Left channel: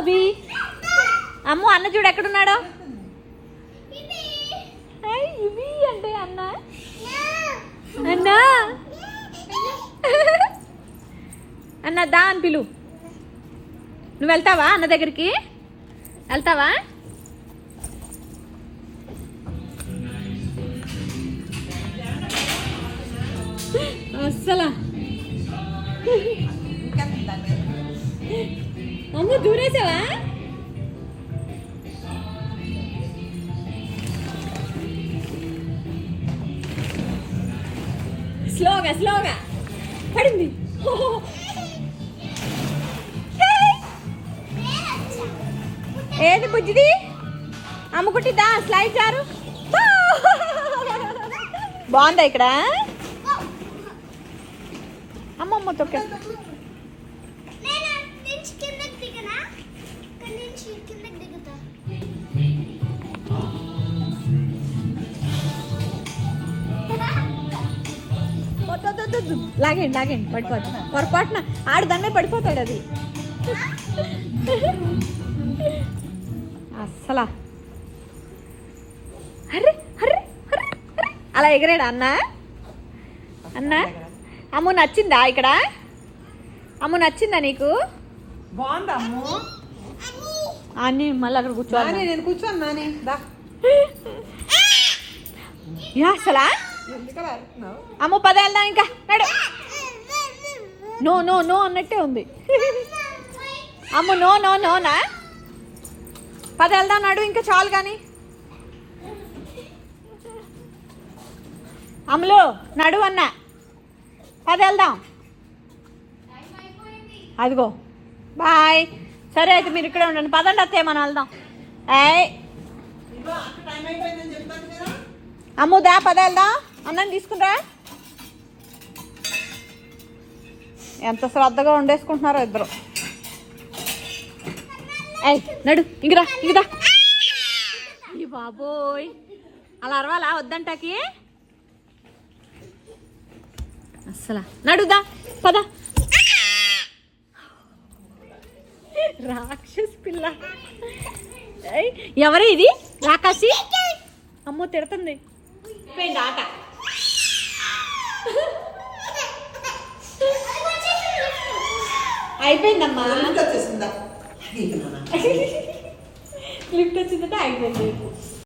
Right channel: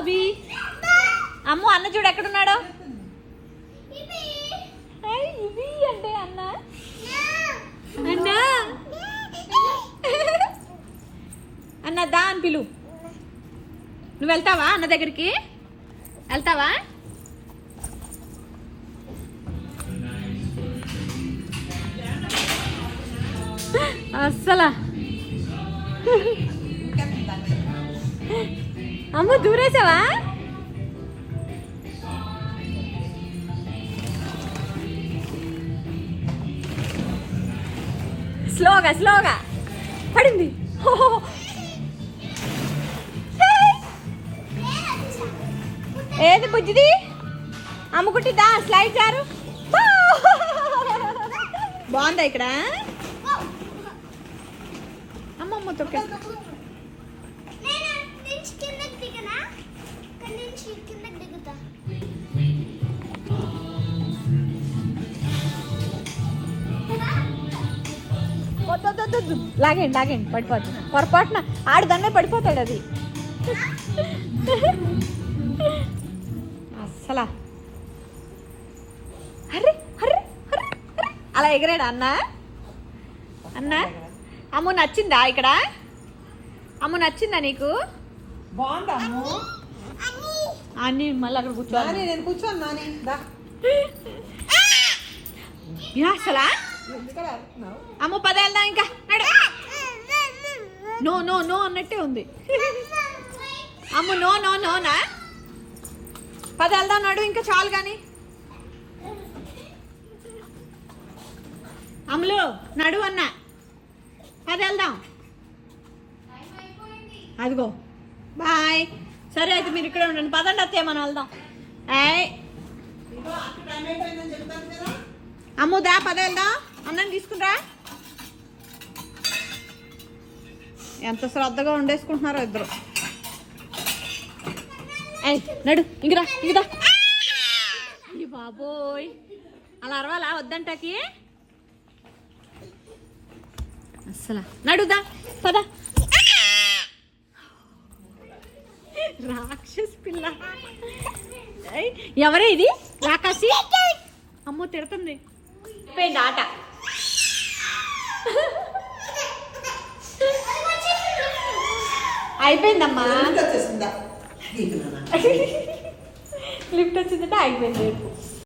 అభి. అమ్మ అన్న చూడు ఎక్కడున్నాడు. ఇవి అంటే అన్న అన్నా అన్న దా అని పిలు. నువ్వు వెళ్తావా అన్న దగ్గరికి? వెళ్తావా? అస్సలా అమ్మ దూరేసావా? స్లోగా స్లోగా పడింది. ఏది బుజ్జిది? అమ్ముకుంటుందా స్లైడ్ జారు? బాగుందా ఇక్కడ? అమ్మమ్మ తొక్కేస్తా. లాగండి లాగండి పడిపోతుంది. పొరపాటున ఆడు దాన్నే పడిపోతాడు అది. అస్సలా అరే అరే అరే అలా ఎగరాడు అన్న. అన్న అమ్ము నచ్చిందా ఇక్కడ? అమ్ము నచ్చిందా నీకు? అన్ని మళ్ళీ అక్కడ కూర్చోవాలి. అసలా అమ్ము పద వెళ్దాం ఇంకా. నడు. నో నో నో అన్నట్టే ఉంది. అమ్ము నో నో నోనా? పద వెళ్దాం నడు ఇంకా చాలు కానీ. అమ్ములు నడు అన్న. పద వెళ్దాం. అదిగో బాయ్. సరే అయితే మీరు ఇక్కడే ఉండండి. పదండి అత్తయ్య మనం వెళ్దాం. అమ్ము దా పద వెళ్దాం. అన్నం తీసుకురా. ఎంత శ్రద్ధగా వండేసుకుంటున్నారో ఇద్దరు. నడు ఇంకరా ఇంకదా. బాబోయ్ అలా అరవాలా వద్దంటాకి? అస్సలా నడుదా పద. రాక్షస్ పిల్ల. ఎవరే ఇది? రాకాసి. అమ్మో తిడుతుంది. పోయింది ఆట. అయిపోయిందమ్మా. లిఫ్ట్ వచ్చిందంటే అయిపోయింది.